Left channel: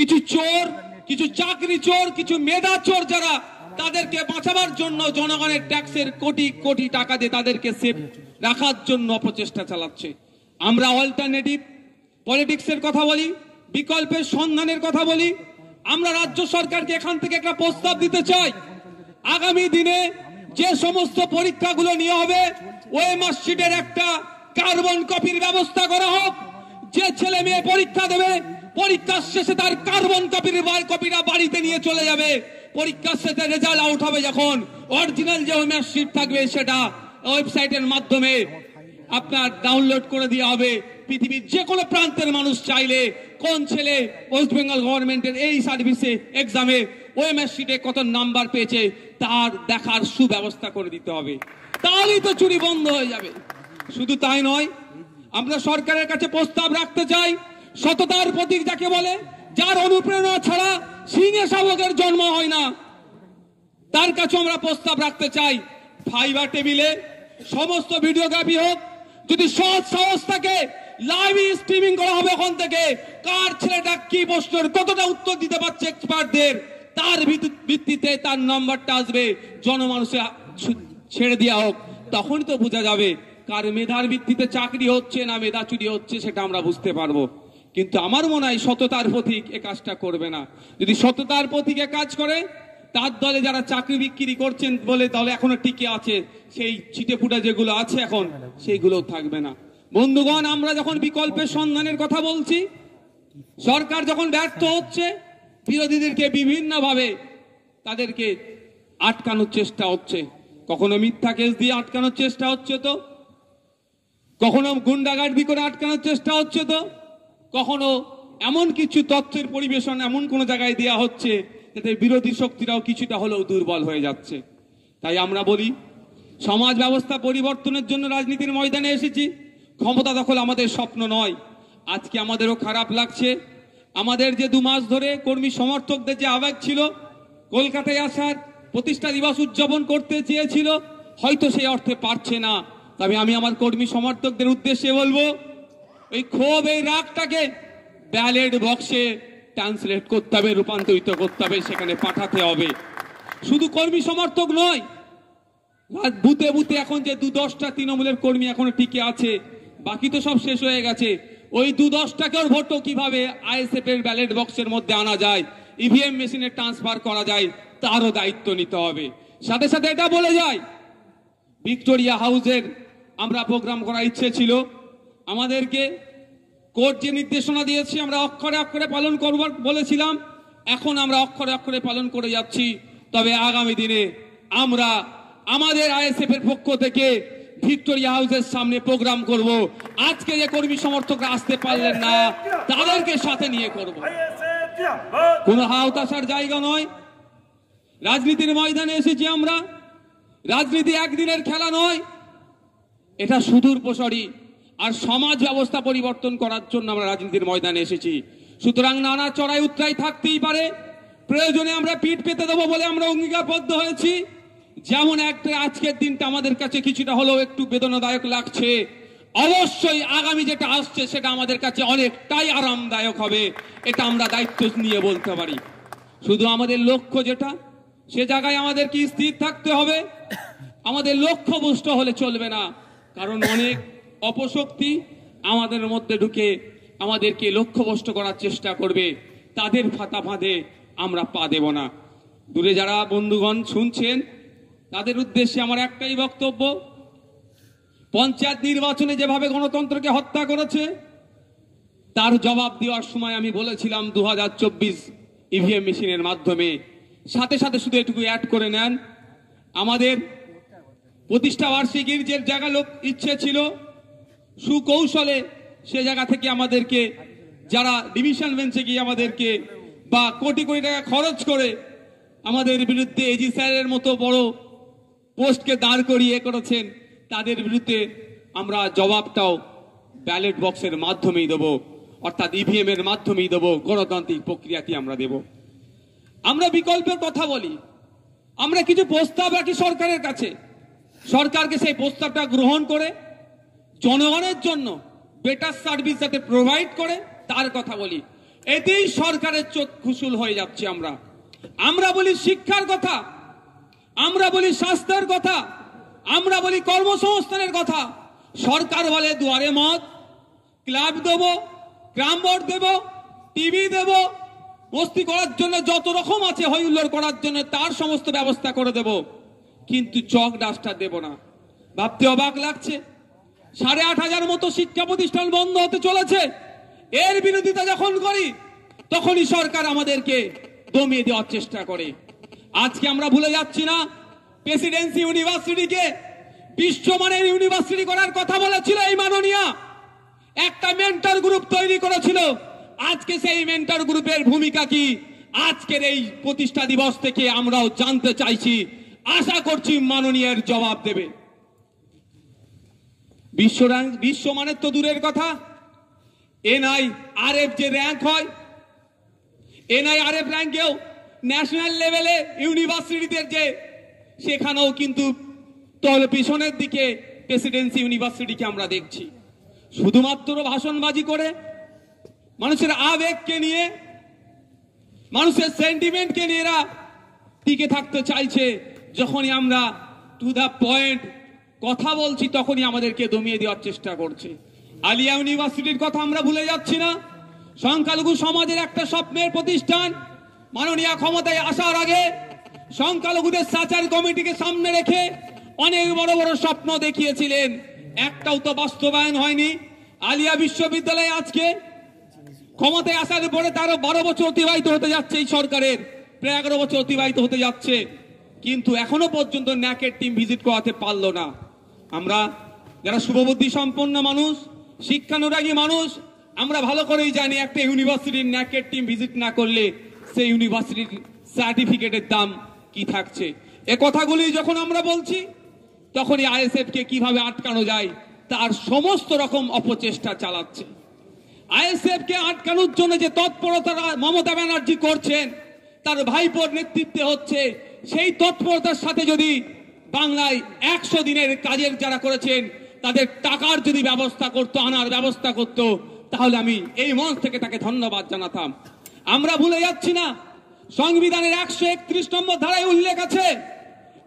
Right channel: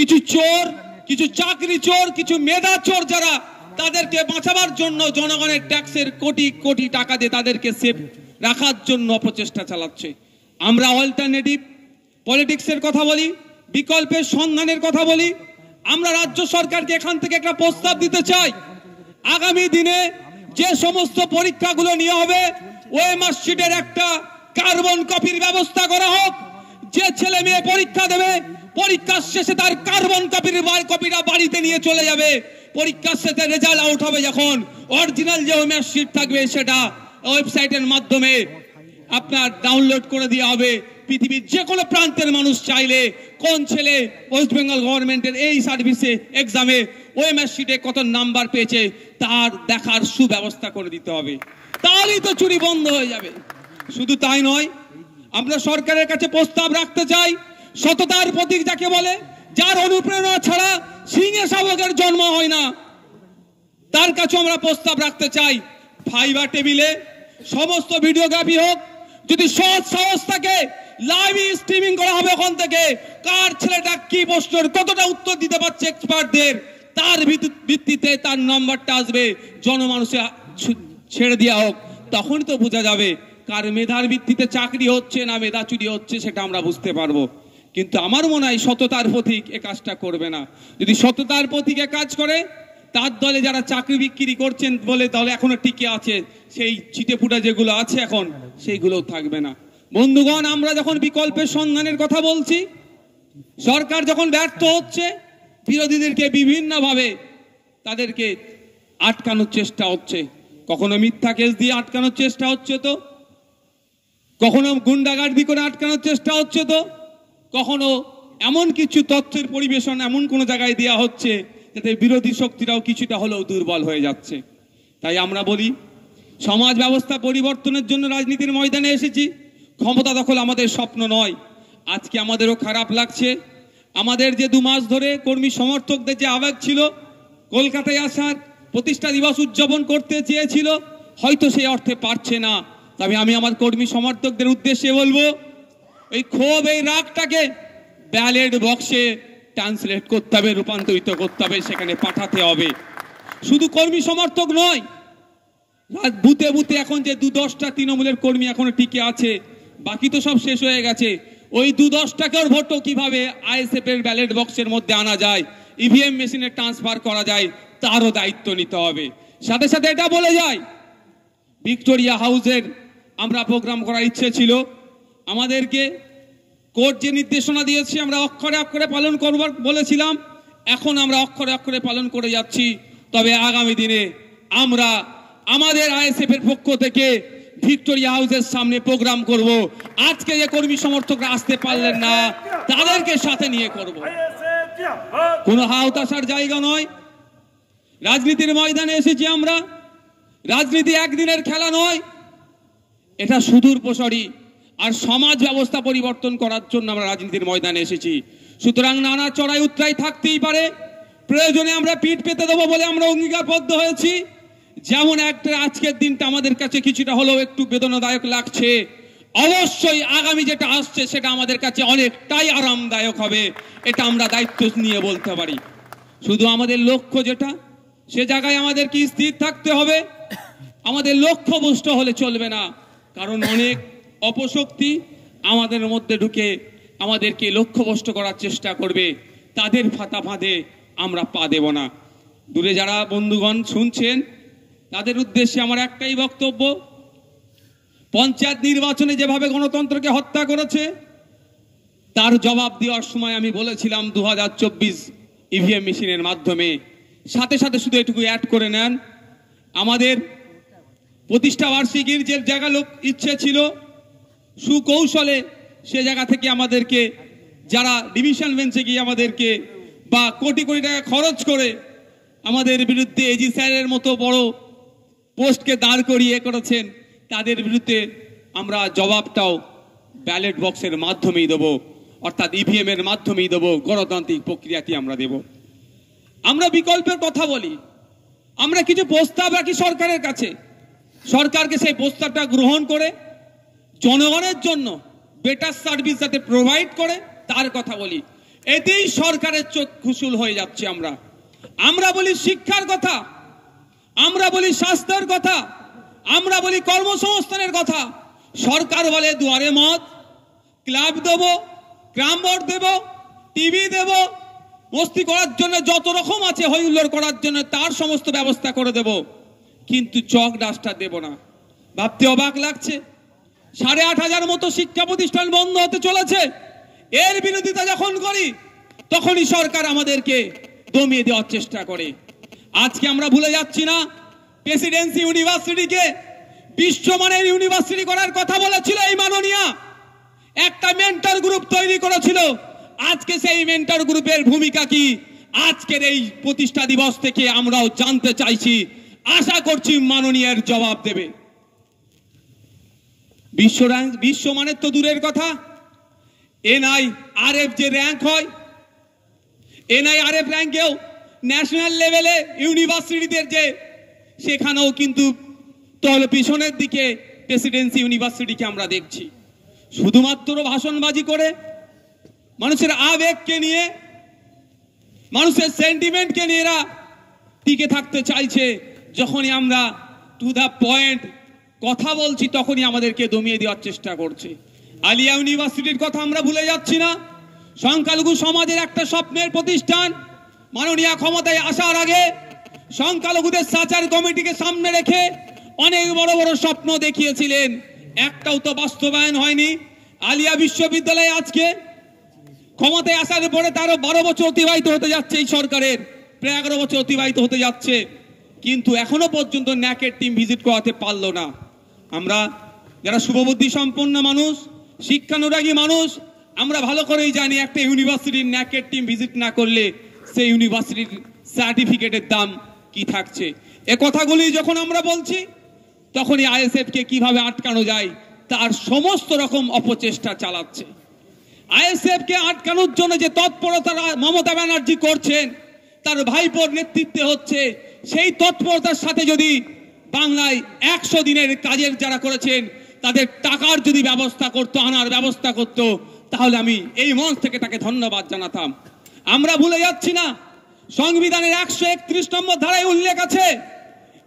কিছু চোর, কিছু চাকরি চোর, কিছু মেধা চোর যারা তাদেরকে বাঁচাবার জন্য জনগণের ট্যাক্সের কোটি কোটি টাকা দিয়ে তাদেরকে সেফ রাখার জন্য অপচেষ্টা চালাচ্ছে। আমরা অল্টারনেটিভ পলিটিক্সের কথা বলি, বিকল্পের সন্ধানের কথা বলি। আমরা রাজ্য সরকারকে এখান থেকে একটা প্রস্তাব দিতে চাই, আগামী দিনে যে সমস্ত পরীক্ষাগুলো নিয়ে হবে ওএমআর শিটের একটা কার্বন কপির ব্যবস্থা করা হোক। যে ছেলে মেয়ে পরীক্ষা দেবে পরীক্ষার শেষে তার কার্বন কপিটা বাড়িতে নিয়ে চলে যাবে। পরীক্ষার শেষে রেজাল্ট আউট হবে যখন অরিজিনাল যে ওএমআর শিট থাকবে সেটা ওয়েবসাইটের মাধ্যমে আপনার ডাউনলোড করে দেওয়া হবে। পৃথিবীর যে কোনো প্রান্তের মানুষ চাইলে কোন ছেলে ওয়েস্ট বেঙ্গল গভর্নমেন্টের এই সার্ভিসে এক্সামে ওএমআর শিটে কত নাম্বার পেয়েছে তার দেখার সুব্যবস্থা করে দিতে হবে, তাহলেই তো চুরি বন্ধ হয়ে যাবে। শুধু তাই নয়, আমরা সরকারের কাছে প্রস্তাব রাখতে চাই, সততার প্রতীক যাকে বলে, যার অনুপ্রেরণা ছাড়া সিংহে শাবকের জন্ম হয় না, তার কাছে আমরা প্রস্তাব রাখতে চাই ফাইবার টেবিলে সমস্ত ভিডিওগ্রাফি হোক। যদি সৎ সাহস থাকে লাইভ স্ট্রিমিং করা হবে ওখান থেকে, কার ছেলেটা কি প্রশ্নের কতটা উত্তর দিতে পারছে এক্সপার্টদের, তার ভিত্তিতে তার নাম্বারটা আসবে, জনমানুষে ছেড়ে দেওয়া হোক। তখনই তো বোঝা যাবে কার মেধার ভিত্তিতে চাকরি হচ্ছে না মেধা চুরি হচ্ছে, সেটা আমরা বুঝতে পারবো। কিন্তু আমার মনে হয় সততার প্রতীক এ কাজটা করবে না। যদি সততার প্রতীকে কাজ করে, তার দলে যারা চাকরি বিক্রি করছেন বলে দলে এখনো টিকে আছে, সেই ছিটেফুটা যেগুলো আছে এখন সেইগুলো থাকবে না। বন্ধুগণ, আমরা যখন বিকল্পের সন্ধানের কথা বলছি, সরকার যখন ব্যর্থ হচ্ছে, বিরোধীদেরকে বিভিন্ন ভাবে তাদেরকে আটকানোর চেষ্টা হচ্ছে। কখনো মিথ্যা কেস দিয়ে আটকানোর চেষ্টা হচ্ছে, তো কখনো গুন্ডাগার্দি করে আটকানোর চেষ্টা হচ্ছে, তো কখনো এমন কিছু তথ্যের পরিবেশন এমন কোন জায়গায় দেওয়া হচ্ছে যাতে বিরোধী শক্তিরাও কিছুটা হলেও দুর্বল হয়ে যাচ্ছে। তাই আমরা বলি, সমাজ ব্যবস্থা পরিবর্তনের জন্য রাজনীতির ময়দানে এসেছি। ক্ষমতা দখল আমাদের স্বপ্ন নয়। আজকে আমাদেরও খারাপ লাগছে, আমাদের যে 2 মাস ধরে কর্মী সমর্থকদের যে আবেগ ছিল, কলকাতায় আসার প্রতিষ্ঠা দিবস উদযাপন করতে চেয়েছিল, হয়তো সেই অর্থে পারছে না। তবে আমি আমার কর্মী সমর্থকদের উদ্দেশ্যে বলবো, এই ক্ষোভ, এই রাগটাকে ব্যালট বক্সে ট্রান্সলেট করতে হবে, রূপান্তরিত করতে হবে, সেখানে পাঠাতে হবে। শুধু কর্মী সমর্থক নয়, বুথে বুথে এখন যে 2-10টা তৃণমূলের কর্মী এখনো টিকে আছে, বাকি তো সব শেষ হয়ে গেছে। ওই 2-10 টাকার ভোটও কিভাবে আইএসএফ এর ব্যালট বক্সের মধ্যে আনা যায়, ইভিএম মেশিনে ট্রান্সফার করা যায়, তারও দায়িত্ব নিতে হবে। সাথে সাথে এটা বলে যায়, ভিক্টোরিয়া হাউসের আমরা প্রোগ্রাম করার ইচ্ছে ছিল, আমাদেরকে কোর্ট যে নির্দেশনা দিয়েছে আমরা অক্ষরে অক্ষরে পালন করবার বলেছিলাম, এখন আমরা অক্ষরে অক্ষরে পালন করে যাচ্ছি। তবে আগামী দিনে আমরা আমাদের আইএসএফ এর পক্ষ থেকে ভিক্টোরিয়া হাউসের সামনে প্রোগ্রাম করব। আজকে যে কর্মী সমর্থকরা আসতে পারলেন না, তাদেরকে সাথে নিয়ে করব। কোনো হাওতাশার জায়গা নয়, রাজনীতির ময়দানে এসেছি আমরা। রাজনীতি একদিনের খেলা নয়, এটা সুদূর প্রসারী। আর সমাজ ব্যবস্থা পরিবর্তন করার জন্য আমরা রাজনীতির ময়দানে এসেছি। সুতরাং নানা চড়াই উতরাই থাকতেই পারে, প্রয়োজনে আমরা পিঠ পেতে দেবো বলে আমরা অঙ্গীকারবদ্ধ হয়েছি। যেমন একটা আজকের দিনটা আমাদের কাছে কিছুটা হলেও একটু বেদনাদায়ক লাগছে, অবশ্যই আগামী যেটা আসছে সেটা আমাদের কাছে অনেকটাই আরামদায়ক হবে, এটা আমরা দায়িত্ব নিয়ে বলতে পারি। শুধু আমাদের লক্ষ্য যেটা, সে জায়গায় আমাদেরকে স্থির থাকতে হবে। আমাদের লক্ষ্য ভ্রষ্ট হলে চলবে না, কারণ অনেক অপশক্তি আমাদের মধ্যে ঢুকে আমাদেরকে লক্ষ্যভ্রষ্ট করার চেষ্টা করবে। তাদের ফাঁদে আমরা পা দেব না। দূরে যারা বন্ধুগণ শুনছেন, তাদের উদ্দেশ্যে আমার একটাই বক্তব্য, পঞ্চায়েত নির্বাচনে যেভাবে গণতন্ত্রকে হত্যা করেছে, তার জবাব দেওয়ার সময় আমি বলেছিলাম 2024 ইভিএম মেশিনের মাধ্যমে। সাথে সাথে শুধু এটুকু অ্যাড করে নেন, আমাদের প্রতিষ্ঠা বার্ষিকীর যে জায়গা ইচ্ছে ছিল, সুকৌশলে সে জায়গা থেকে আমাদেরকে যারা ডিভিশন বেঞ্চে গিয়ে আমাদেরকে বা কোটি কোটি টাকা খরচ করে আমাদের বিরুদ্ধে এজি স্যারের মতো বড় পোস্টকে দাঁড় করিয়ে করেছেন, তাদের বিরুদ্ধে আমরা জবাবটাও ব্যালট বক্সের মাধ্যমেই দেব, অর্থাৎ ইভিএম এর মাধ্যমেই দেব, গণতান্ত্রিক প্রক্রিয়াটি আমরা দেব। আমরা বিকল্পের কথা বলি, আমরা কিছু প্রস্তাব রাখি সরকারের কাছে, সরকারকে সেই প্রস্তাবটা গ্রহণ করে জনগণের জন্য বেটার সার্ভিস যাতে প্রোভাইড করে তার কথা বলি। এতেই সরকারের চোখ খুশুল হয়ে যাচ্ছে। আমরা বলি শিক্ষার কথা, আমরা বলি স্বাস্থ্যের কথা, আমরা বলি কর্মসংস্থানের কথা, সরকার বলে দুয়ারে মত, ক্লাব দেব, গ্রাম বোর্ড দেব, টিভি দেব, মস্তি করার জন্য যত রকম আছে হইহুল্লোড় করার জন্য তার সমস্ত ব্যবস্থা করে দেব, কিন্তু চক ডাস্টার দেব না। ভাবতে অবাক লাগছে, 8,500 মতো শিক্ষা প্রতিষ্ঠান বন্ধ হতে চলেছে। এর বিরোধিতা যখন করি তখনই সরকার আমাদেরকে দমিয়ে দেওয়ার চেষ্টা করে। আজকে আমরা ভুলে যাচ্ছি না, প্রেসিডেন্সি ইউনিভার্সিটিকে বিশ্বমানের ইউনিভার্সিটি করার কথা বলেছিল এই মাননীয়া, একটা মেন্টর গ্রুপ তৈরি করেছিল। আজকে সেই মেন্টর গ্রুপের ভূমিকা কি আজকের এই প্রতিষ্ঠা দিবস থেকে আমরাও জানতে চাইছি। আশা করছি মাননীয়ের জবাব দেবে। বিশ্বমানের তো দূরের কথা, NIRF যে র্যাঙ্ক হয়, NIRF র্যাঙ্কেও ন্যাশনাল লেভেলে ইউনিভার্সিটিদের যে সেখানেও কিন্তু তল পিছনের দিকে প্রেসিডেন্সি ইউনিভার্সিটিকে আমরা দেখছি। শুধুমাত্র ভাষণবাজি করে, মানুষের আবেগকে নিয়ে, মানুষের সেন্টিমেন্টকে নিয়ে এরা টিকে থাকতে চাইছে। যখনই আমরা টু দা পয়েন্ট কথা বলছি তখনই আমাদেরকে দমিয়ে দেওয়ার চেষ্টা করছে। আলিয়া ইউনিভার্সিটির কথা আমরা ভুলে যাচ্ছি না। সংখ্যালঘু সমাজের একটা স্বপ্নের প্রতিষ্ঠান, মাননীয় ক্ষমতায় আসার আগে সংখ্যালঘুদের সাচার কমিটিকে সামনে রেখে অনেক বড় বড় স্বপ্ন দেখিয়েছিলেন, একটাও তো বাস্তবায়ন হয়নি। আলিয়া বিশ্ববিদ্যালয়ে আজকে ক্ষমতায় আসার পরে তারও 12 বছর অতিবাহিত হতে যাচ্ছে, এই সরকারের প্রায় 11 বছর অতিবাহিত হতে যাচ্ছে, কিন্তু এখনো পর্যন্ত ন্যাকের টিম ভিজিট করাতে পারলো না। আমরা যারা শুভবুদ্ধি সম্পন্ন মানুষ, শিক্ষানুরাগী মানুষ, আমরা ভালো করেই জানি একটা ইউনিভার্সিটির ন্যাকের টিম ভিজিট না করলে সেই ইউনিভার্সিটির সার্টিফিকেটের দাম কি থাকছে। এ কথাগুলি যখন আমরা বলছি তখনই ISF কে কিভাবে আটকানো যায় তার সমস্ত রকম অপচেষ্টা চালাচ্ছে। ISF কে আটকানোর জন্য যে তৎপরতা মমতা ব্যানার্জি করছেন, তার ভাইপোর নেতৃত্বে হচ্ছে, সেই তৎপরতার সাথে যদি বাংলায় 100 দিনের কাজের যারা করেছেন তাদের টাকার যদি ব্যবস্থা করতো, আনার ব্যবস্থা করতো, তাহলে আমি এই মঞ্চ থেকে তাকে ধন্যবাদ জানাতাম। আমরা ভুলে যাচ্ছি না, সংবিধানের 131 নম্বর ধারায় উল্লেখ আছে,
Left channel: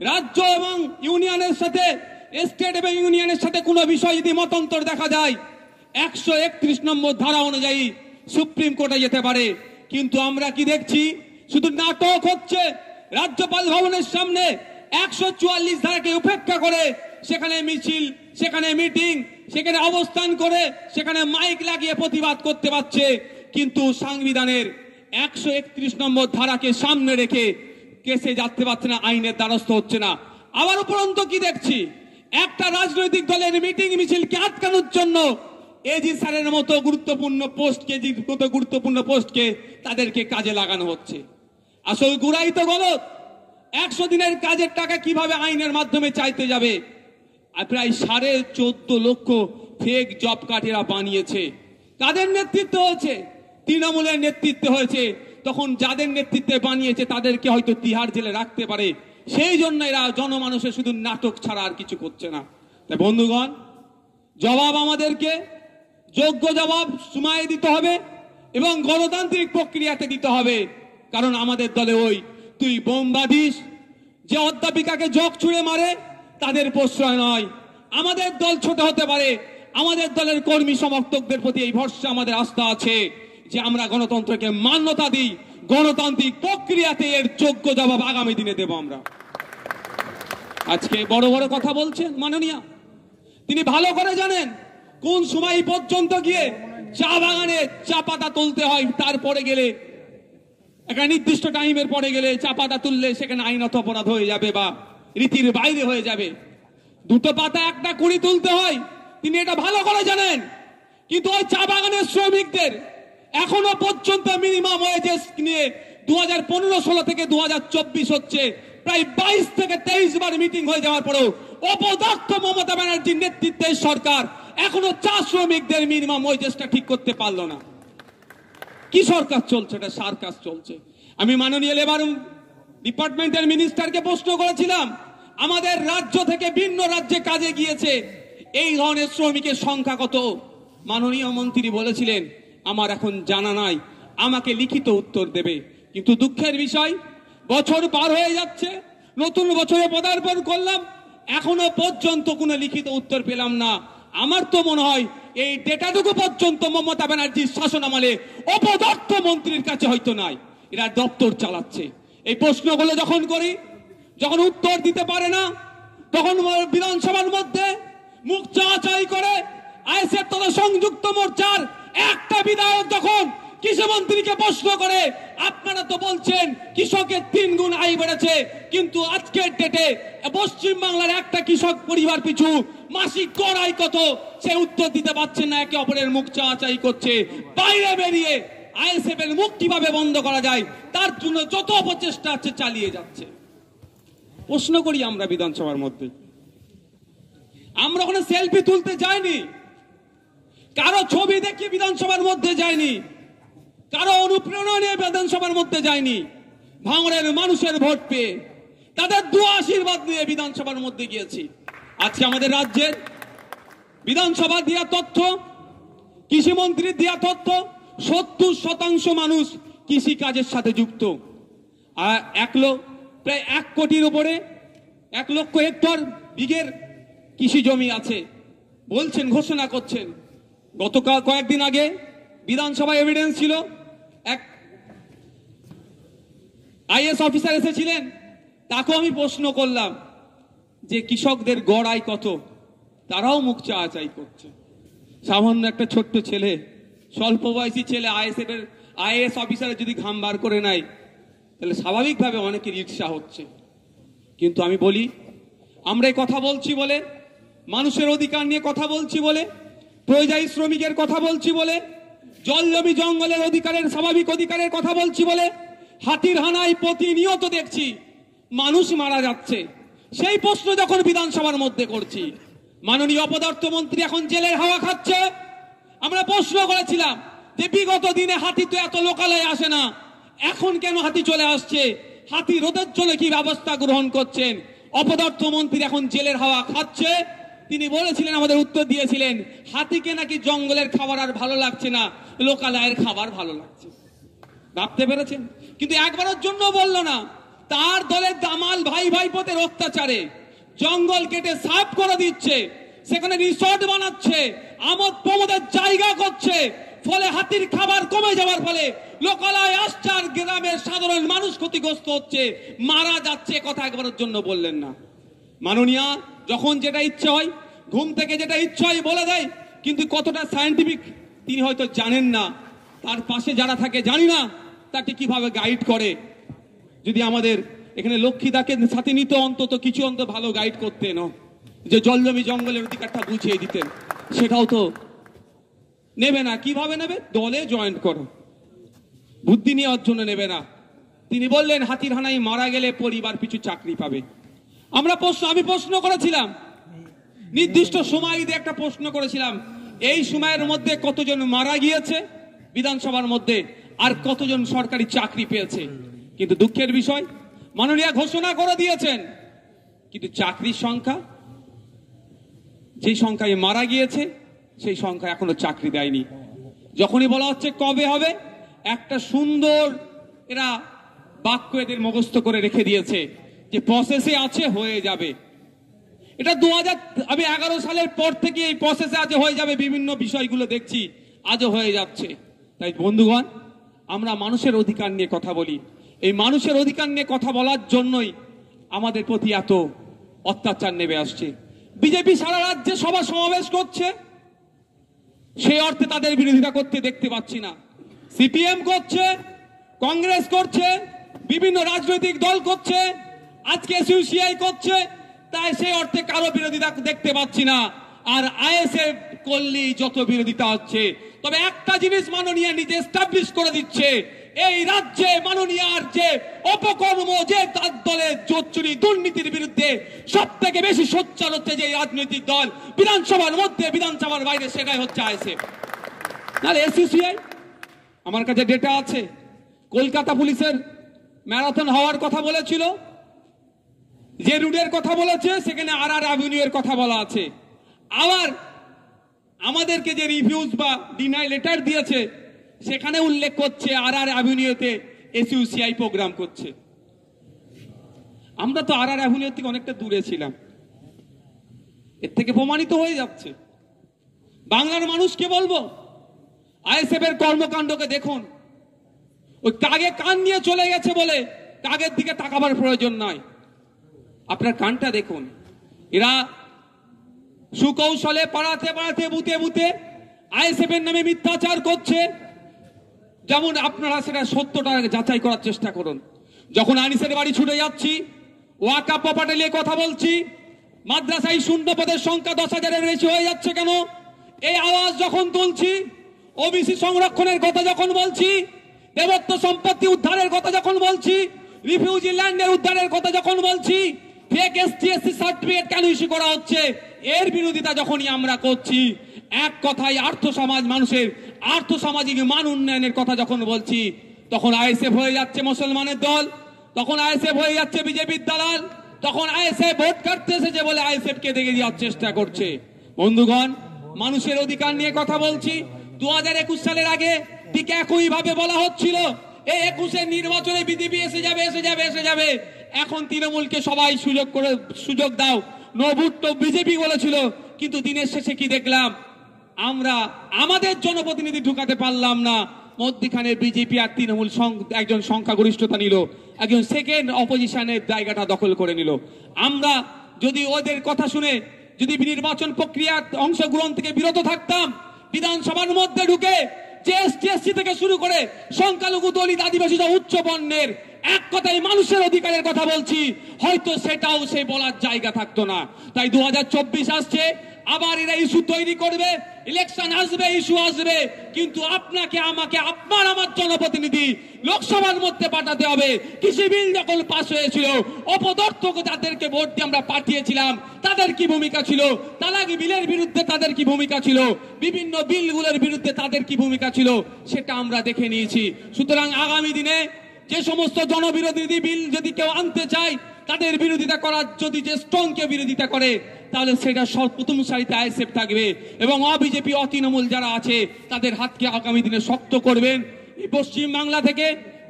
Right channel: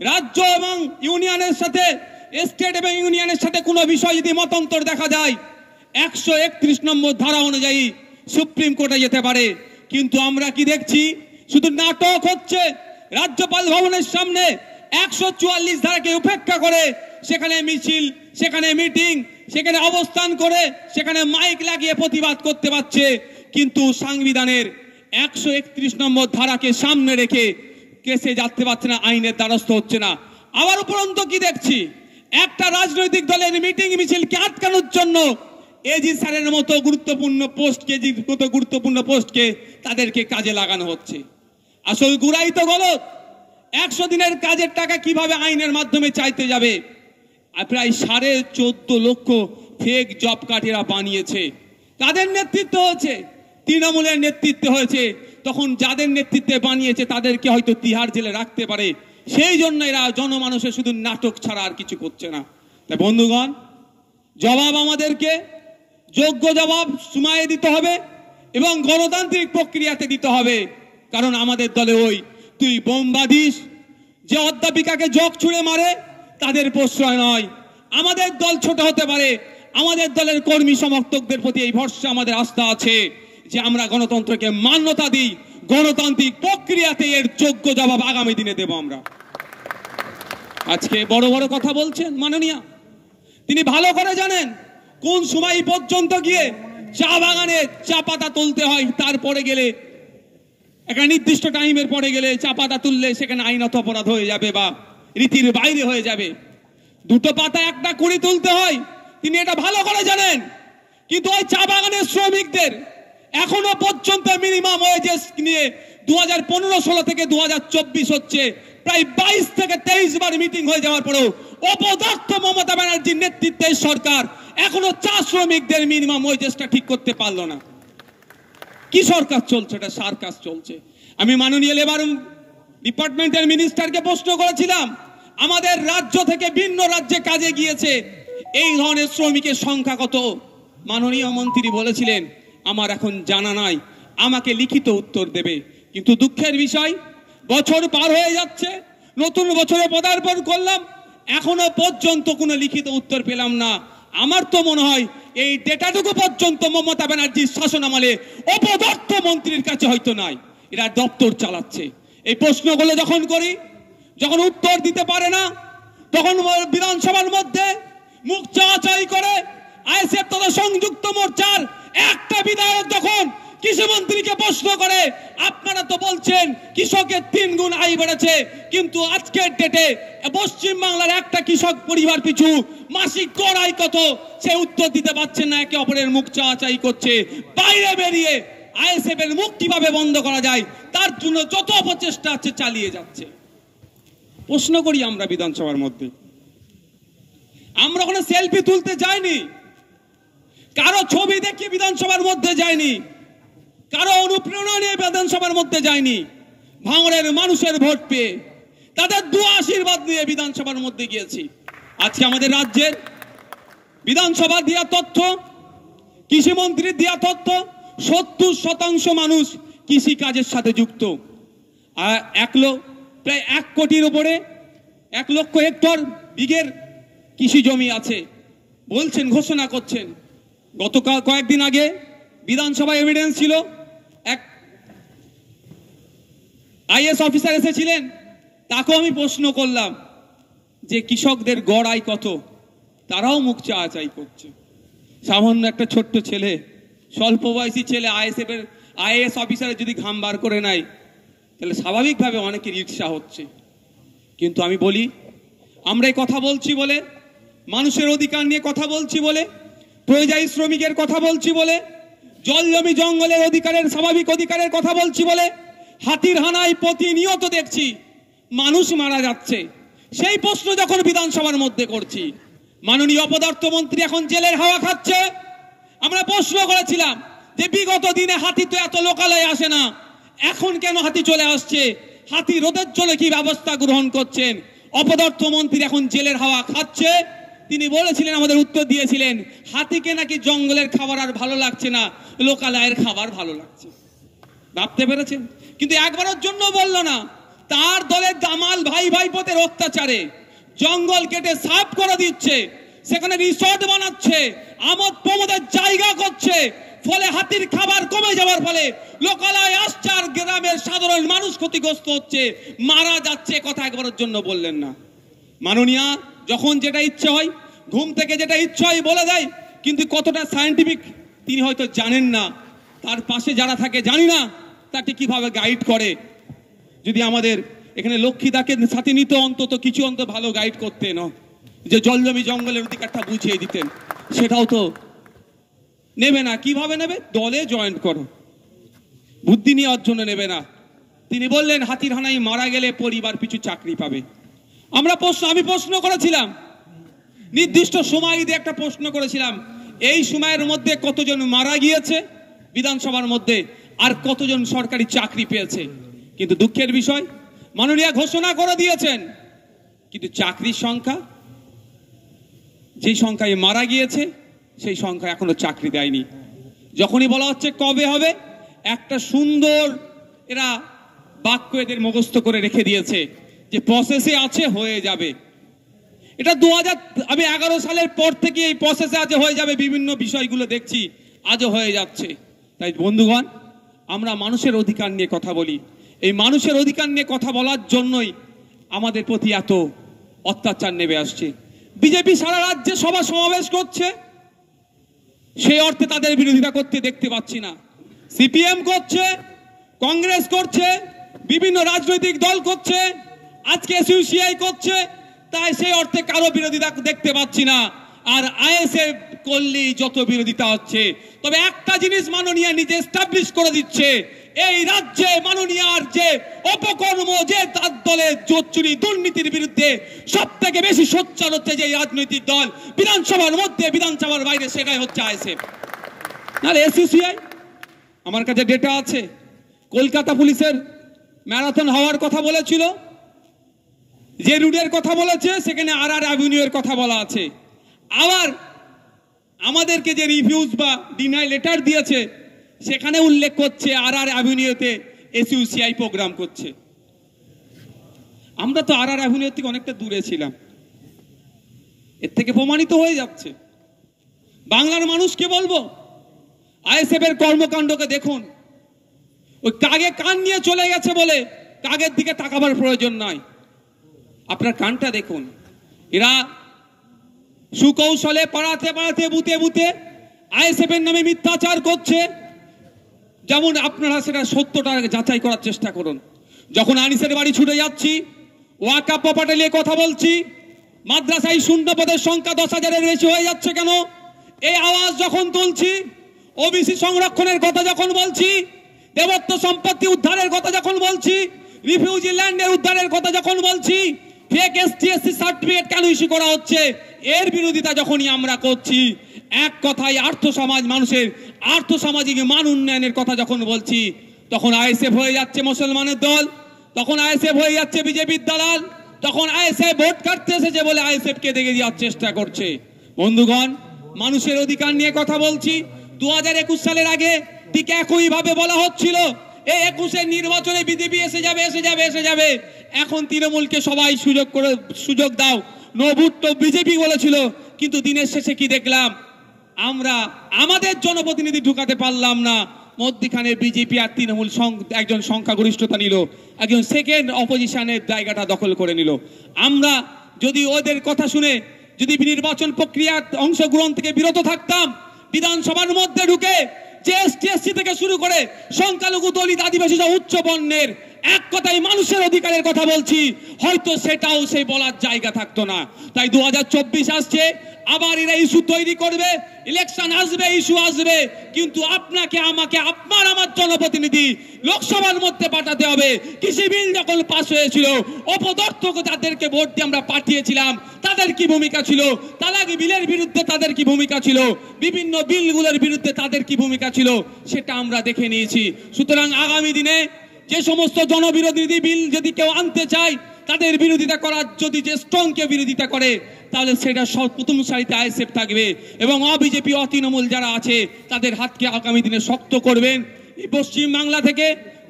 রাজ্য এবং ইউনিয়নের সাথে, স্টেট এবং ইউনিয়নের সাথে কোনো বিষয় যদি মতান্তর দেখা যায় 131 নম্বর ধারা অনুযায়ী সুপ্রিম কোর্টে যেতে পারে। কিন্তু আমরা কি দেখছি, শুধু নাটক হচ্ছে। রাজ্যপাল ভবনের সামনে 144 ধারাকে উপেক্ষা করে সেখানে মিছিল, সেখানে মিটিং, সেখানে অবস্থান করে, সেখানে মাইক লাগিয়ে প্রতিবাদ করতে পারছে, কিন্তু সংবিধানের 131 নম্বর ধারাকে সামনে রেখে কেসে যাতে পারছে না, আইনের দ্বারস্থ হচ্ছে না। আবার উপরন্ত কি দেখছি, একটা রাজনৈতিক দলের মিটিং মিছিলকে আটকানোর জন্য এজি স্যারের মতো গুরুত্বপূর্ণ পোস্টকে তাদেরকে কাজে লাগানো হচ্ছে। আসল গুড়াই তো গলত। 100 দিনের কাজের টাকা কিভাবে আইনের মাধ্যমে চাইতে যাবে? প্রায় 14.5 লক্ষ ফেক জব কার্ড এরা বানিয়েছে। কাদের নেতৃত্ব হয়েছে? তৃণমূলের নেতৃত্বে হয়েছে। তখন যাদের নেতৃত্বে বানিয়েছে তাদেরকে হয়তো তিহার জেলে রাখতে পারে, সেই জন্য এরা জনমানুষের শুধু নাটক ছাড়া আর কিছু করছে না। তাই বন্ধুগণ, জবাব আমাদেরকে যোগ্য জবাব সময়ে দিতে হবে এবং গণতান্ত্রিক প্রক্রিয়াতে দিতে হবে। কারণ আমাদের দলে ওই তুই বোম বাঁধিস, যে অধ্যাপিকাকে জগ ছুঁড়ে মারে, তাদের প্রশ্রয় নয়। আমাদের দল ছোট হতে পারে, আমাদের দলের কর্মী সমর্থকদের প্রতি এই ভরসা, আমাদের আস্থা আছে যে আমরা গণতন্ত্রকে মান্যতা দিই, গণতান্ত্রিক প্রক্রিয়াতে এর যোগ্য জবাব আগামী দিনে দেব আমরা। আজকে বড় বড় কথা বলছেন মাননীয়, তিনি ভালো করে জানেন কোন সময় পর্যন্ত গিয়ে চা বাগানে চা পাতা তুলতে হয়, তারপরে গেলে একটা নির্দিষ্ট টাইমের পরে গেলে চা পাতা তুললে সেখানে আইনত অপরাধ হয়ে যাবে বা রীতির বাইরে হয়ে যাবে। 2টো পাতা একটা কুড়ি তুলতে হয়, তিনি এটা ভালো করে জানেন। কিন্তু ওই চা বাগানের শ্রমিকদের এখনো পর্যন্ত মিনিমাম ওয়েজেস নিয়ে 2015-16 থেকে 2024 হচ্ছে, প্রায় 22 থেকে 23 বার মিটিং হয়ে যাওয়ার পরেও অপদস্থ মমতা ব্যানার্জির নেতৃত্বে সরকার এখনো চা শ্রমিকদের মিনিমাম ওয়েজেসটা ঠিক করতে পারলো না। কি সরকার চলছে? এটা সার্কাস চলছে। আমি মাননীয় লেবার ডিপার্টমেন্টের মিনিস্টারকে প্রশ্ন করেছিলাম, আমাদের রাজ্য থেকে ভিন্ন রাজ্যে কাজে গিয়েছে এই ধরনের শ্রমিকের সংখ্যা কত? মাননীয় মন্ত্রী বলেছিলেন, আমার এখন জানা নাই, আমাকে লিখিত উত্তর দেবে। কিন্তু দুঃখের বিষয়, বছর পার হয়ে যাচ্ছে, নতুন বছরে পদার্পণ করলাম, এখনো পর্যন্ত কোনো লিখিত উত্তর পেলাম না। আমার তো মনে হয় এই ডেটাটুকু পর্যন্ত মমতা ব্যানার্জির শাসন আমলে অপদস্থ মন্ত্রীর কাছে হয়তো নাই, এরা দপ্তর চালাচ্ছে। এই প্রশ্নগুলো যখন করি, যখন উত্তর দিতে পারে না, তখন বিধানসভার মধ্যে মুখ চাওয়াচাই করে আইএসএফ তথা সংযুক্ত মোর্চার একটা বিধায়ক যখন কৃষিমন্ত্রীকে প্রশ্ন করে, আপনারা তো বলছেন কৃষকের 3 গুণ আয় বেড়েছে, কিন্তু আজকের ডেটে পশ্চিম বাংলার একটা কৃষক পরিবার পিছু মাসিক গড় আয় কত, সে উত্তর দিতে পারছেন না, একে অপরের মুখ চাওয়াচাই করছে। বাইরে বেরিয়ে আইএসএফ এর মুখ কিভাবে বন্ধ করা যায় তার জন্য যত অপচেষ্টা আছে চালিয়ে যাচ্ছে। প্রশ্ন করি আমরা বিধানসভার মধ্যে, আমরা কোনো সেলফি তুলতে যাইনি, কারো ছবি দেখিয়ে বিধানসভার মধ্যে যায়নি, কারো অনুপ্রেরণা নিয়ে বিধানসভার মধ্যে যায়নি। ভাঙড়ের মানুষের ভোট পেয়ে, তাদের দোয়া আশীর্বাদ নিয়ে বিধানসভার মধ্যে গিয়েছি। আজকে আমাদের রাজ্যের বিধানসভা দেওয়া তথ্য, কৃষিমন্ত্রীর দেওয়া তথ্য, 70% মানুষ কৃষি কাজের সাথে যুক্ত। আর প্রায় 1 কোটির উপরে 1 লক্ষ হেক্টর বিঘের কৃষি জমি আছে বলছেন, ঘোষণা করছেন। গতকাল কয়েকদিন আগে বিধানসভা এভিডেন্স ছিল, এক আইএস অফিসার এসেছিলেন, তাকেও আমি প্রশ্ন করলাম যে কৃষকদের গড় আয় কত, তারাও মুখ চাওয়াচাই করছে। সামান্য একটা ছোট্ট ছেলে, স্বল্প বয়সী ছেলে আইএস অফিসারের যদি ঘাম বার করে নাই, তাহলে স্বাভাবিকভাবে অনেকের ঈর্ষা হচ্ছে। কিন্তু আমি বলি, আমরা এই কথা বলছি বলে, মানুষের অধিকার নিয়ে কথা বলছি বলে, পরিযায়ী শ্রমিকের কথা বলছি বলে, জল জমি জঙ্গলের অধিকারের, স্বাভাবিক অধিকারের কথা বলছি বলে, হাতির হানায় প্রতিনিয়ত দেখছি মানুষ মারা যাচ্ছে। সেই প্রশ্ন যখন বিধানসভার মধ্যে করছি, মাননীয় অপদার্থ মন্ত্রী এখন জেলের হাওয়া খাচ্ছে। আমরা প্রশ্ন করেছিলাম যে বিগত দিনে হাতি তো এত লোকালয়ে আসে না, এখন কেন হাতি চলে আসছে, হাতি রোধের জন্য কি ব্যবস্থা গ্রহণ করছেন? অপদার্থ মন্ত্রী এখন জেলের হাওয়া খাচ্ছে। তিনি বলেছিলেন, আমাদের উত্তর দিয়েছিলেন, হাতিকে নাকি জঙ্গলের খাবার আর ভালো লাগছে না, লোকালয়ের খাবার ভালো লাগছে। ভাবতে পেরেছেন? কিন্তু একবারের জন্য বলল না, তার দলের দামাল ভাই ভাইপোদের অত্যাচারে জঙ্গল কেটে সাফ করে দিচ্ছে, সেখানে রিসোর্ট বানাচ্ছে, আমোদ প্রমোদের জায়গা করছে, ফলে হাতির খাবার কমে যাওয়ার ফলে লোকালয় আসছে আর গ্রামের সাধারণ মানুষ ক্ষতিগ্রস্ত হচ্ছে, মারা যাচ্ছে। কথা একবারের জন্য বললেন না। মাননীয়া যখন যেটা ইচ্ছে হয়, ঘুম থেকে যেটা ইচ্ছে হয় বলে দেয়, কিন্তু কতটা সায়েন্টিফিক তিনি হয়তো জানেন না, তার পাশে যারা থাকে জানি না তাকে কিভাবে গাইড করে। যদি আমাদের এখানে লক্ষ্মীদাকে সাথে নিত, অন্তত কিছু ভালো গাইড করতেন, যে জল জমি জঙ্গলের অধিকারটা বুঝিয়ে দিতেন, সেটাও তো নেবে না। কিভাবে নেবে? দলে জয়েন করো, বুদ্ধি নেওয়ার জন্য নেবে না। তিনি বললেন হাতির হানায় মারা গেলে পরিবার পিছু চাকরি পাবে। আমি প্রশ্ন করেছিলাম, নির্দিষ্ট সময় দিয়ে একটা প্রশ্ন করেছিলাম, এই সময়ের মধ্যে কতজন মারা গিয়েছে বিধানসভার মধ্যে, আর কতজন সরকারি চাকরি পেয়েছে। কিন্তু দুঃখের বিষয়, মাননীয় ঘোষণা করে দিয়েছেন, কিন্তু চাকরির সংখ্যা, যেই সংখ্যায় মারা গিয়েছে সেই সংখ্যা এখনো চাকরি দেয়নি। যখনই বলা হচ্ছে কবে হবে, একটা সুন্দর এরা বাক্য এদের মুখস্থ করে রেখে দিয়েছে যে প্রসেসে আছে, হয়ে যাবে। এটা 2011 সালের পর থেকে এই প্রসেসে আজ হয়ে যাবে, বিভিন্ন বিষয়গুলো দেখছি আজও হয়ে যাচ্ছে। তাই বন্ধুগণ, আমরা মানুষের অধিকার নিয়ে কথা বলি, এই মানুষের অধিকার নিয়ে কথা বলার জন্যই আমাদের প্রতি এত অত্যাচার নেমে আসছে। বিজেপি সারা রাজ্যে সভা সমাবেশ করছে, সেই অর্থে তাদের বিরোধিতা করতে দেখতে পাচ্ছি না। সিপিএম করছে, কংগ্রেস করছে, বিভিন্ন রাজনৈতিক দল করছে, আজকে এসইউসিআই করছে, তাই সেই অর্থে কারো বিরোধিতা দেখতে পাচ্ছি না। আর আইএসএফ করলেই যত বিরোধিতা হচ্ছে। তবে একটা জিনিস মাননীয় নিজে এস্টাবলিশ করে দিচ্ছে, এই রাজ্যে মাননীয়ার যে অপকর্ম, যে তার দলের জোচ্চুরি দুর্নীতির বিরুদ্ধে সব থেকে বেশি সোচ্চার হচ্ছে যে রাজনৈতিক দল, বিধানসভার মধ্যে বিধানসভার বাইরে, সেটাই হচ্ছে আইএসএফ। নাহলে এসইউসিআই, আমার কাছে ডেটা আছে, কলকাতা পুলিশের ম্যারাথন হওয়ার কথা বলেছিল, যে রুটের কথা বলেছে সেখানে আর অ্যাভিনিউর কথা বলা আছে। আবার আমাদেরকে যে রিভিউজ বা ডিনাই লেটার দিয়েছে সেখানে উল্লেখ করছে আর অ্যাভিনিউতে এসইউসিআই প্রোগ্রাম করছে। আমরা তো আর অ্যাভিনিউ থেকে অনেকটা দূরে ছিলাম, এর থেকে প্রমাণিত হয়ে যাচ্ছে। বাংলার মানুষকে বলবো, আইএসএফ এর কর্মকাণ্ডকে দেখুন। ওই কাগে কান নিয়ে চলে গেছে বলে কাগের দিকে তাকাবার প্রয়োজন নাই। আপনার কানটা দেখুন। এরা সুকৌশলে পাড়াতে পাড়াতে বুতে বুতে আইএসএফ এর নামে মিথ্যাচার করছে। যেমন আপনারা সেটা সত্যটা যাচাই করার চেষ্টা করুন। যখন আনিসের বাড়ি ছুটে যাচ্ছি, ওয়াকাফ প্রপার্টি নিয়ে কথা বলছি, মাদ্রাসায় শূন্য পদের সংখ্যা 10,000-এর বেশি হয়ে যাচ্ছে কেন, এই আওয়াজ যখন তুলছি, ওবিসি সংরক্ষণের কথা যখন বলছি, দেবত্ব সম্পত্তি উদ্ধারের কথা যখন বলছি, রিফিউজি ল্যান্ডের উদ্ধারের কথা যখন বলছি, ফেক এসটি/এসসি সার্টিফিকেট কেন ইস্যু করা হচ্ছে, এর বিরোধিতা যখনই আমরা করছি, এক কথায় আর্থ সমাজ মানুষের আর্থ সামাজিক মান উন্নয়নের কথা যখন বলছি, তখন আইএসএফ হয়ে যাচ্ছে মুসলমানের দল, তখন আইএসএফ হয়ে যাচ্ছে বিজেপির দালাল, তখন আইএসএফ ভোট কাটতে এসেছে বলে আইএসএফ কে দেখে দেওয়ার চেষ্টা করছে। বন্ধুগণ, মানুষের অধিকার নিয়ে কথা বলছি। 2021 সালের আগে ঠিক একই ভাবে বলা হচ্ছিল এই 21-এর নির্বাচনে বিজেপি এসে যাবে। এখন তৃণমূলকে সবাই সুযোগ দাও, নো ভোট তো বিজেপি বলেছিল। কিন্তু দিনের শেষে কি দেখলাম, আমরা আমাদের জনপ্রতিনিধি ঢুকাতে পারলাম না, মধ্যখানে বিজেপি আর তৃণমূল একজন সংখ্যাগরিষ্ঠতা নিল, একজন সেকেন্ড অপোজিশনের জায়গাটা দখল করে নিল। আমরা যদি ওদের কথা শুনে যদি নির্বাচন প্রক্রিয়া অংশগ্রহণ থেকে বিরত থাকতাম, বিধানসভার মধ্যে ঢুকে যে এসটি/এসসি থেকে শুরু করে সংখ্যালঘু, দলিত, আদিবাসী উচ্চ বর্ণের এক কথায় মানুষের অধিকারের কথা বলছি, হয়তো সেটাও সে বলার জায়গা থাকতো না। তাই 2024 আসছে, আবার এরা ইস্যু তৈরি করবে, ইলেকশন আসবে, ইস্যু আসবে, কিন্তু আপনাকে আমাকে আপনার আমার জনপ্রতিনিধি লোকসভার মধ্যে পাঠাতে হবে। কৃষি বিল যখন পাস হয়েছিল, অপদার্থকে তাদেরকে ভোট দিয়ে আমরা পাঠিয়েছিলাম, তাদের কি ভূমিকা ছিল, তালাক বিলের বিরুদ্ধে তাদের কি ভূমিকা ছিল, বিভিন্ন বিলগুলোর বিরুদ্ধে তাদের কি ভূমিকা ছিল, সেটা আমরা দেখে নিয়েছি। সুতরাং আগামী দিনে যে সমস্ত জনবিরোধী বিল যদি কেউ আনতে চায়, তাদের বিরোধিতা করার যদি যে স্ট্রং কে বিরোধিতা করে, তাহলে সেটা প্রথম সারিতে আইএসএফ থাকবে এবং অবিজেপি অতৃণমূল যারা আছে তাদের হাতকে আগামী দিনে শক্ত করবেন। পশ্চিম বাংলা থেকে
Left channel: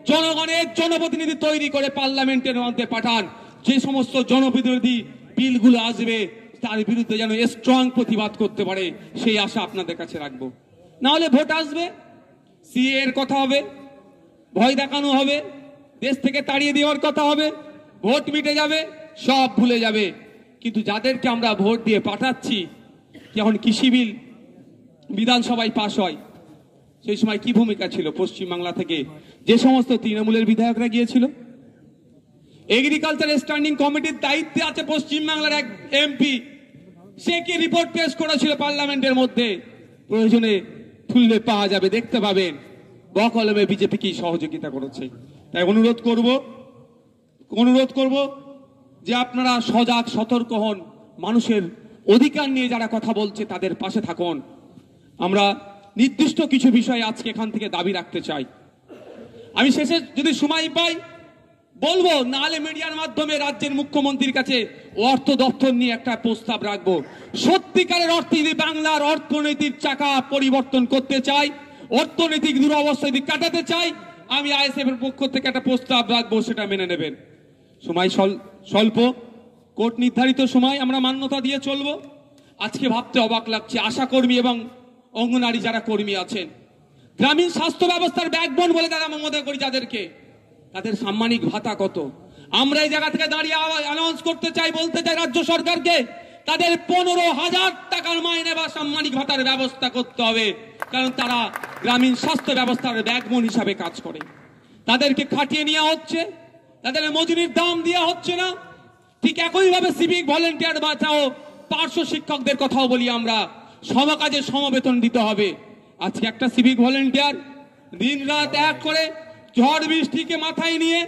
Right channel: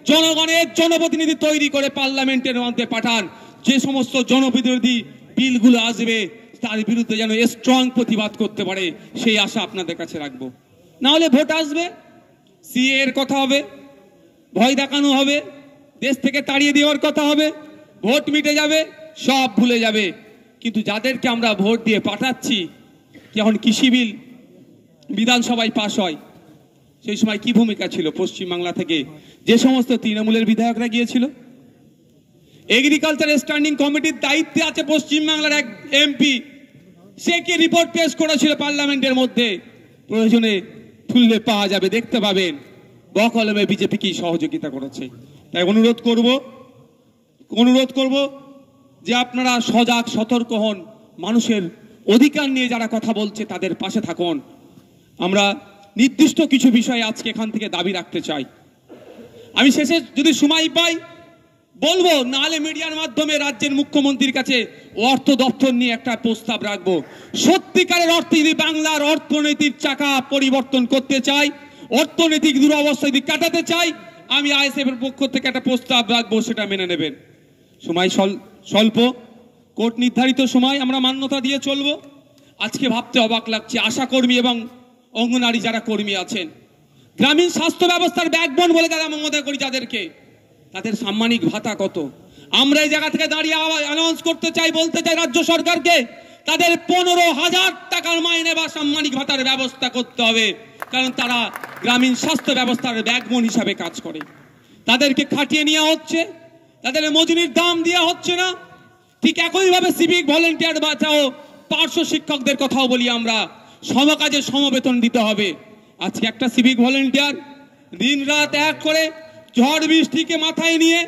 জনগণের জনপ্রতিনিধি তৈরি করে পার্লামেন্টের মধ্যে পাঠান, যে সমস্ত জনবিরোধী বিলগুলো আসবে তার বিরুদ্ধে যেন স্ট্রং প্রতিবাদ করতে পারে, সেই আশা আপনাদের কাছে রাখবো। না হলে ভোট আসবে, সিএ এর কথা হবে, ভয় দেখানো হবে, দেশ থেকে তাড়িয়ে দেওয়ার কথা হবে, ভোট মিটে যাবে, সব ভুলে যাবে। কিন্তু যাদেরকে আমরা ভোট দিয়ে পাঠাচ্ছি, যখন কৃষি বিল বিধানসভায় পাশ হয়, সেই সময় কি ভূমিকা ছিল পশ্চিমবাংলা থেকে যে সমস্ত তৃণমূলের বিধায়করা গিয়েছিল? এগ্রিকালচার স্ট্যান্ডিং কমিটির দায়িত্বে আছে পশ্চিমবাংলার এক এমপি, সে কি রিপোর্ট পেশ করেছিল পার্লামেন্টের মধ্যে? প্রয়োজনে খুললে পাওয়া যাবে, দেখতে পাবেন বকলমে বিজেপি কি সহযোগিতা করেছে। তাই অনুরোধ করব যে আপনারা সজাগ সতর্ক হন, মানুষের অধিকার নিয়ে যারা কথা বলছে তাদের পাশে থাকুন। আমরা নির্দিষ্ট কিছু বিষয় আজকে এখান থেকে দাবি রাখতে চাই। আমি শেষে যদি সময় পাই বলবো, নাহলে মিডিয়ার মাধ্যমে রাজ্যের মুখ্যমন্ত্রীর কাছে অর্থ দপ্তর নিয়ে একটা প্রস্তাব রাখবো। সত্যিকারের অর্থে যদি বাংলার অর্থনৈতিক চাকা পরিবর্তন করতে চাই, অর্থনৈতিক দুরবস্থা যদি কাটাতে চাই, আমি আইএসএফ এর পক্ষ থেকে একটা প্রস্তাব রাখবো, সেটা মেনে নেবেন। সময় স্বল্প, কোর্ট নির্ধারিত সময় আমরা মান্যতা দিয়ে চলবো। আজকে ভাবতে অবাক লাগছে, আশাকর্মী এবং অঙ্গনারী যারা কর্মী আছেন, গ্রামীণ স্বাস্থ্য ব্যবস্থার ব্যাকবোন বলে তারা মনে করি যাদেরকে, তাদের সাম্মানিক ভাতা কত? আমরা এই জায়গা থেকে দাঁড়িয়ে অ্যানাউন্স করতে চাই, বলতে চাই রাজ্য সরকারকে, তাদের 15,000 টাকার মাইনে বা সাম্মানিক ভাতার ব্যবস্থা করতে হবে, কারণ তারা গ্রামীণ স্বাস্থ্য ব্যবস্থার ব্যাকবোন হিসাবে কাজ করে। তাদেরকে খাটিয়ে নেওয়া হচ্ছে, তাদের মজুরির দাম দেওয়া হচ্ছে না। ঠিক একইভাবে সিভিক ভলেন্টিয়ার বাঁচাও পার্শ্ব শিক্ষকদের কথাও বলি আমরা, সমকাজে সমবেতন দিতে হবে। আজকে একটা সিভিক ভলেন্টিয়ার দিন রাত এক করে ঝড় বৃষ্টিকে মাথায় নিয়ে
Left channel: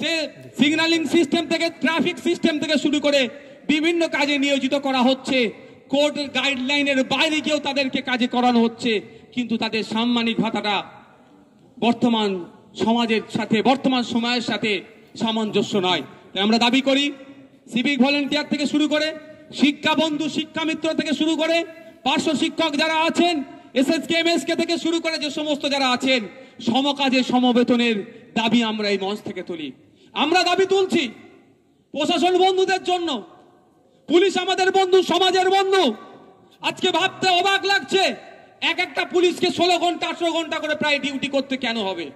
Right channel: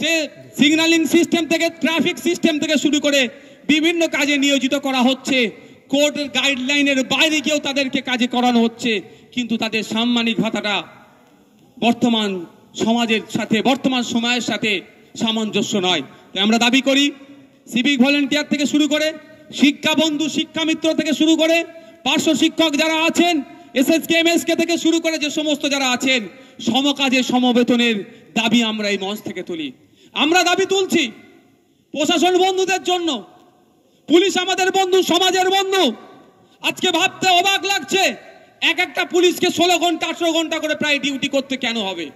সে সিগন্যালিং সিস্টেম থেকে, ট্রাফিক সিস্টেম থেকে শুরু করে বিভিন্ন কাজে নিয়োজিত করা হচ্ছে। কোর্টের গাইডলাইনের বাইরে গিয়েও তাদেরকে কাজে করানো হচ্ছে, কিন্তু তাদের সাম্মানিক ভাতাটা বর্তমান সমাজের সাথে, বর্তমান সময়ের সাথে সামঞ্জস্য নয়। তাই আমরা দাবি করি, সিভিক ভলেন্টিয়ার থেকে শুরু করে শিক্ষা বন্ধু, শিক্ষা মিত্র থেকে শুরু করে পার্শ্ব শিক্ষক যারা আছেন, এসএসকেএমএসকে থেকে শুরু করে যে সমস্ত যারা আছেন, সমকাজে সমবেতনের দাবি আমরা এই মঞ্চ থেকে তুলি। আমরা দাবি তুলছি প্রশাসন বন্ধুদের জন্য। পুলিশ আমাদের বন্ধু, সমাজের বন্ধু। আজকে ভাবতে অবাক লাগছে, এক একটা পুলিশকে 16 ঘন্টা 18 ঘন্টা করে প্রায় ডিউটি করতে কেন হবে?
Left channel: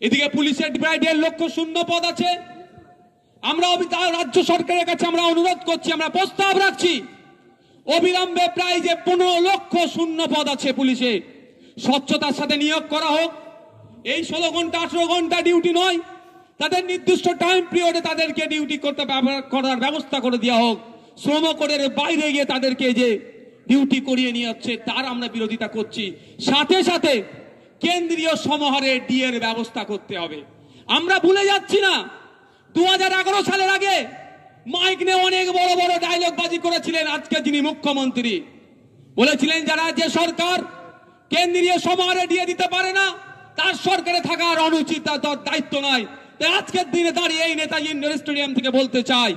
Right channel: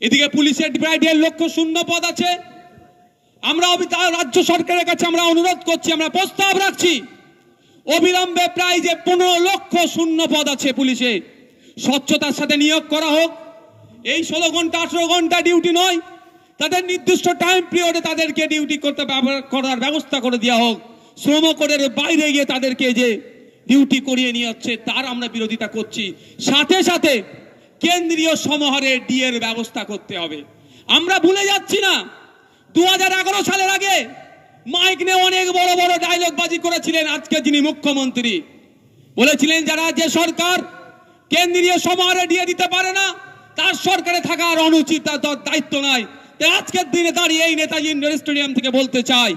এদিকে পুলিশের প্রায় 1.5 লক্ষ শূন্য পদ আছে। আমরা রাজ্য সরকারের কাছে আমরা অনুরোধ করছি, আমরা প্রস্তাব রাখছি, অবিলম্বে প্রায় যে 15 লক্ষ শূন্য পদ আছে পুলিশে, স্বচ্ছতার সাথে নিয়োগ করা হোক। এই 16 ঘন্টা 18 ঘন্টা ডিউটি নয়, তাদের নির্দিষ্ট টাইম পিরিয়ডে তাদেরকে ডিউটি করতে করার ব্যবস্থা করে দেওয়া হোক। শ্রম কোডের বাইরে গিয়ে তাদেরকে যে ডিউটি করিয়ে নিয়ে যাচ্ছে তার আমরা বিরোধিতা করছি। সাথে সাথে কেন্দ্রীয় সমাহারে ডিএর ব্যবস্থা করতে হবে। আমরা ভুলে যাচ্ছি না, 2011 সালের আগে মাইক নিয়ে অনেক বড় বড় ডায়লগ বাজি করেছিলেন আজকে যিনি মুখ্যমন্ত্রী। বলেছিলেন যারা যে সরকার কেন্দ্রীয় সমাহারে ডিএ দিতে পারে না তার সরকারে থাকার অনুচিত, তার দায়িত্ব নাই। আজকের দিনে দাঁড়িয়ে এই নেতাজি স্টেডিয়াম থেকে বলতে চাই,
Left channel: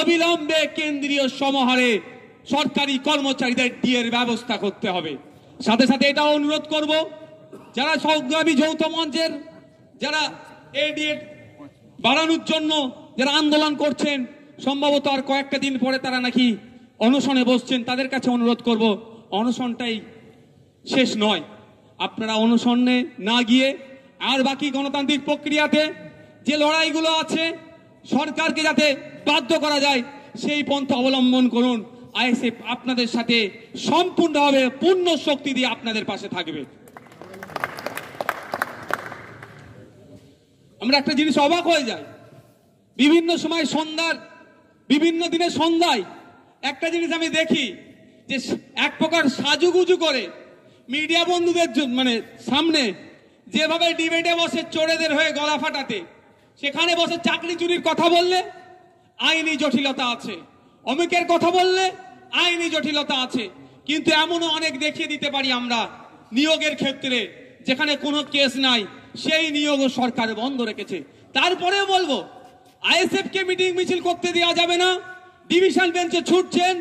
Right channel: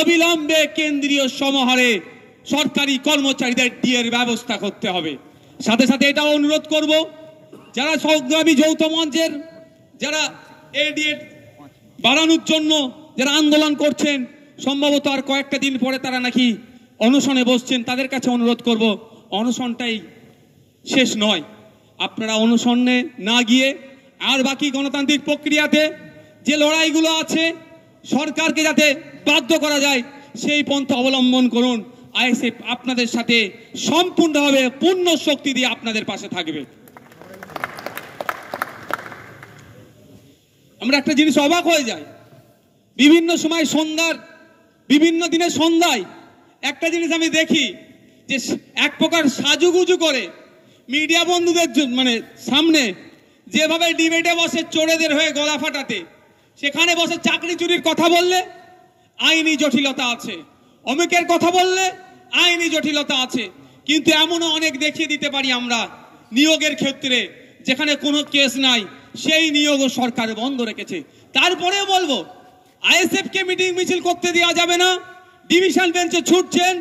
অবিলম্বে কেন্দ্রীয় সমাহারে সরকারি কর্মচারীদের ডিএর ব্যবস্থা করতে হবে। সাথে সাথে এটাও অনুরোধ করব, যারা সংগ্রামী যৌথ মঞ্চের যারা এই ডিএ বাড়ানোর জন্য যারা আন্দোলন করছেন, সম্ভবত আর কয়েকটা দিন পরে তারা নাকি অনশনে বসছেন, তাদের কাছে অনুরোধ করব, অনশনটাই শেষ নয়। আপনারা অনশনে না গিয়ে আর বাকি গণতান্ত্রিক প্রক্রিয়াতে যে লড়াইগুলো আছে সরকারকে যাতে বাধ্য করা যায় সেই পন্থা অবলম্বন করুন। আইএসএফ আপনাদের সাথে সম্পূর্ণভাবে পূর্ণ শক্তি দিয়ে আপনাদের পাশে থাকবে। আমরা একটা জিনিস অবাক হয়ে যাই, বিভিন্ন সময় সন্ধ্যার বিভিন্ন দিনের সন্ধ্যায় একটা জিনিস আমি দেখি যে এক প্রকার সাজুগুজু করে মিডিয়া বন্ধুদের মানে সামনে যেভাবে ডিবেটে বসে চোরেদের হয়ে গলা ফাটাতে, সেখানে বসে চাকরি চুরির কথা বললে আইনি জটিলতা আছে, অমিকের কথা বললে আইনি জটিলতা আছে। কিন্তু এমনও অনেক দেখিয়ে দিতে পারি আমরা নিয়োগের ক্ষেত্রে যেখানে কোনো কেস নাই, সেই নিয়োগও সরকার বন্ধ রেখেছে। তারপরেও বলবো আইএসএফ কে মিটিং মিছিল করতে দেওয়া যাবে না। ডিভিশন বেঞ্চে ছুটছেন,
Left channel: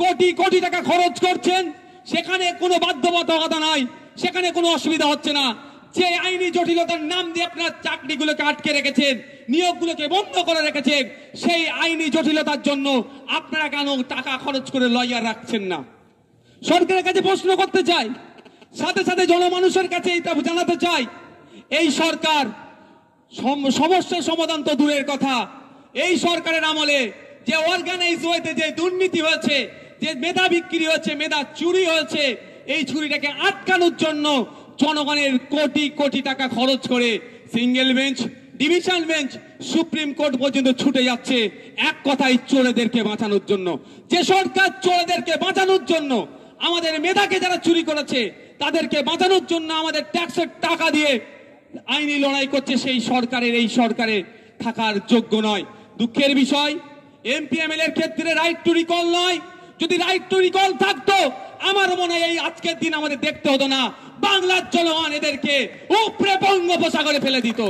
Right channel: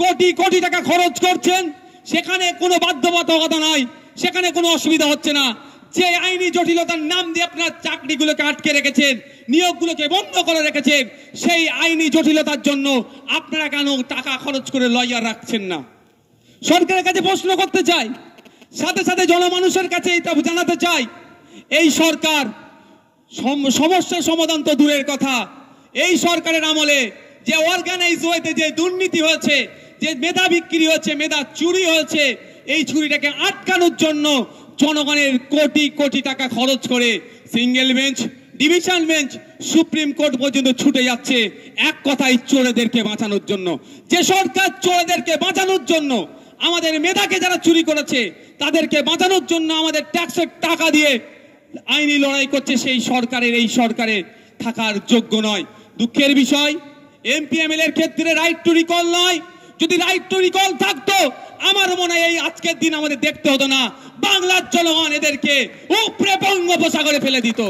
কোটি কোটি টাকা খরচ করছেন, সেখানে কোনো বাধ্যবাধকতা নাই, সেখানে কোনো অসুবিধা হচ্ছে না। যে আইনি জটিলতার নাম দিয়ে আপনারা চাকরিগুলোকে আটকে রেখেছেন, নিয়োগগুলোকে বন্ধ করে রেখেছেন, সেই আইনি জটিলতার জন্য আপনারা কেন টাকা খরচ করে লয়ার রাখছেন না? সরকারের কাছে প্রশ্ন করতে চাই, সাথে সাথে জনমানুষের কাছে এটা জানাতে চাই, এই সরকার সমস্যার সমাধান তো দূরের কথা, এই সরকারের আমলে যে অর্গানাইজ ওয়েতে যে দুর্নীতি হয়েছে, যে মেধা বিক্রি হয়েছে, মেধা চুরি হয়েছে, এই চুরিটাকে আটকানোর জন্য জনগণের কোটি কোটি টাকা খরচ করে single bench, division bench, supreme court পর্যন্ত ছুটে যাচ্ছে এক কথায় চোরেদেরকে বাঁচানোর জন্য। যে সরকার চোরেদেরকে বাঁচানোর জন্য, আমাদের মেধাকে যারা চুরি করেছে তাদেরকে বাঁচানোর জন্য আমাদের ট্যাক্সের টাকা দিয়ে আইনি লড়াই করছে, সেই সরকারের এই সরকারে থাকার যোগ্য নয়। দুঃখের বিষয়, এমপি এমএলএ এর ক্ষেত্রে রাইট টু রিকল নয়। যদি রাইট টু রিকল থাকতো আমার মনে হয় এই আজকের দিন আমাদের দেখতে হতো না, বাংলার জনগণ এদেরকে উপরে বঙ্গোপসাগরে ফেলে দিত।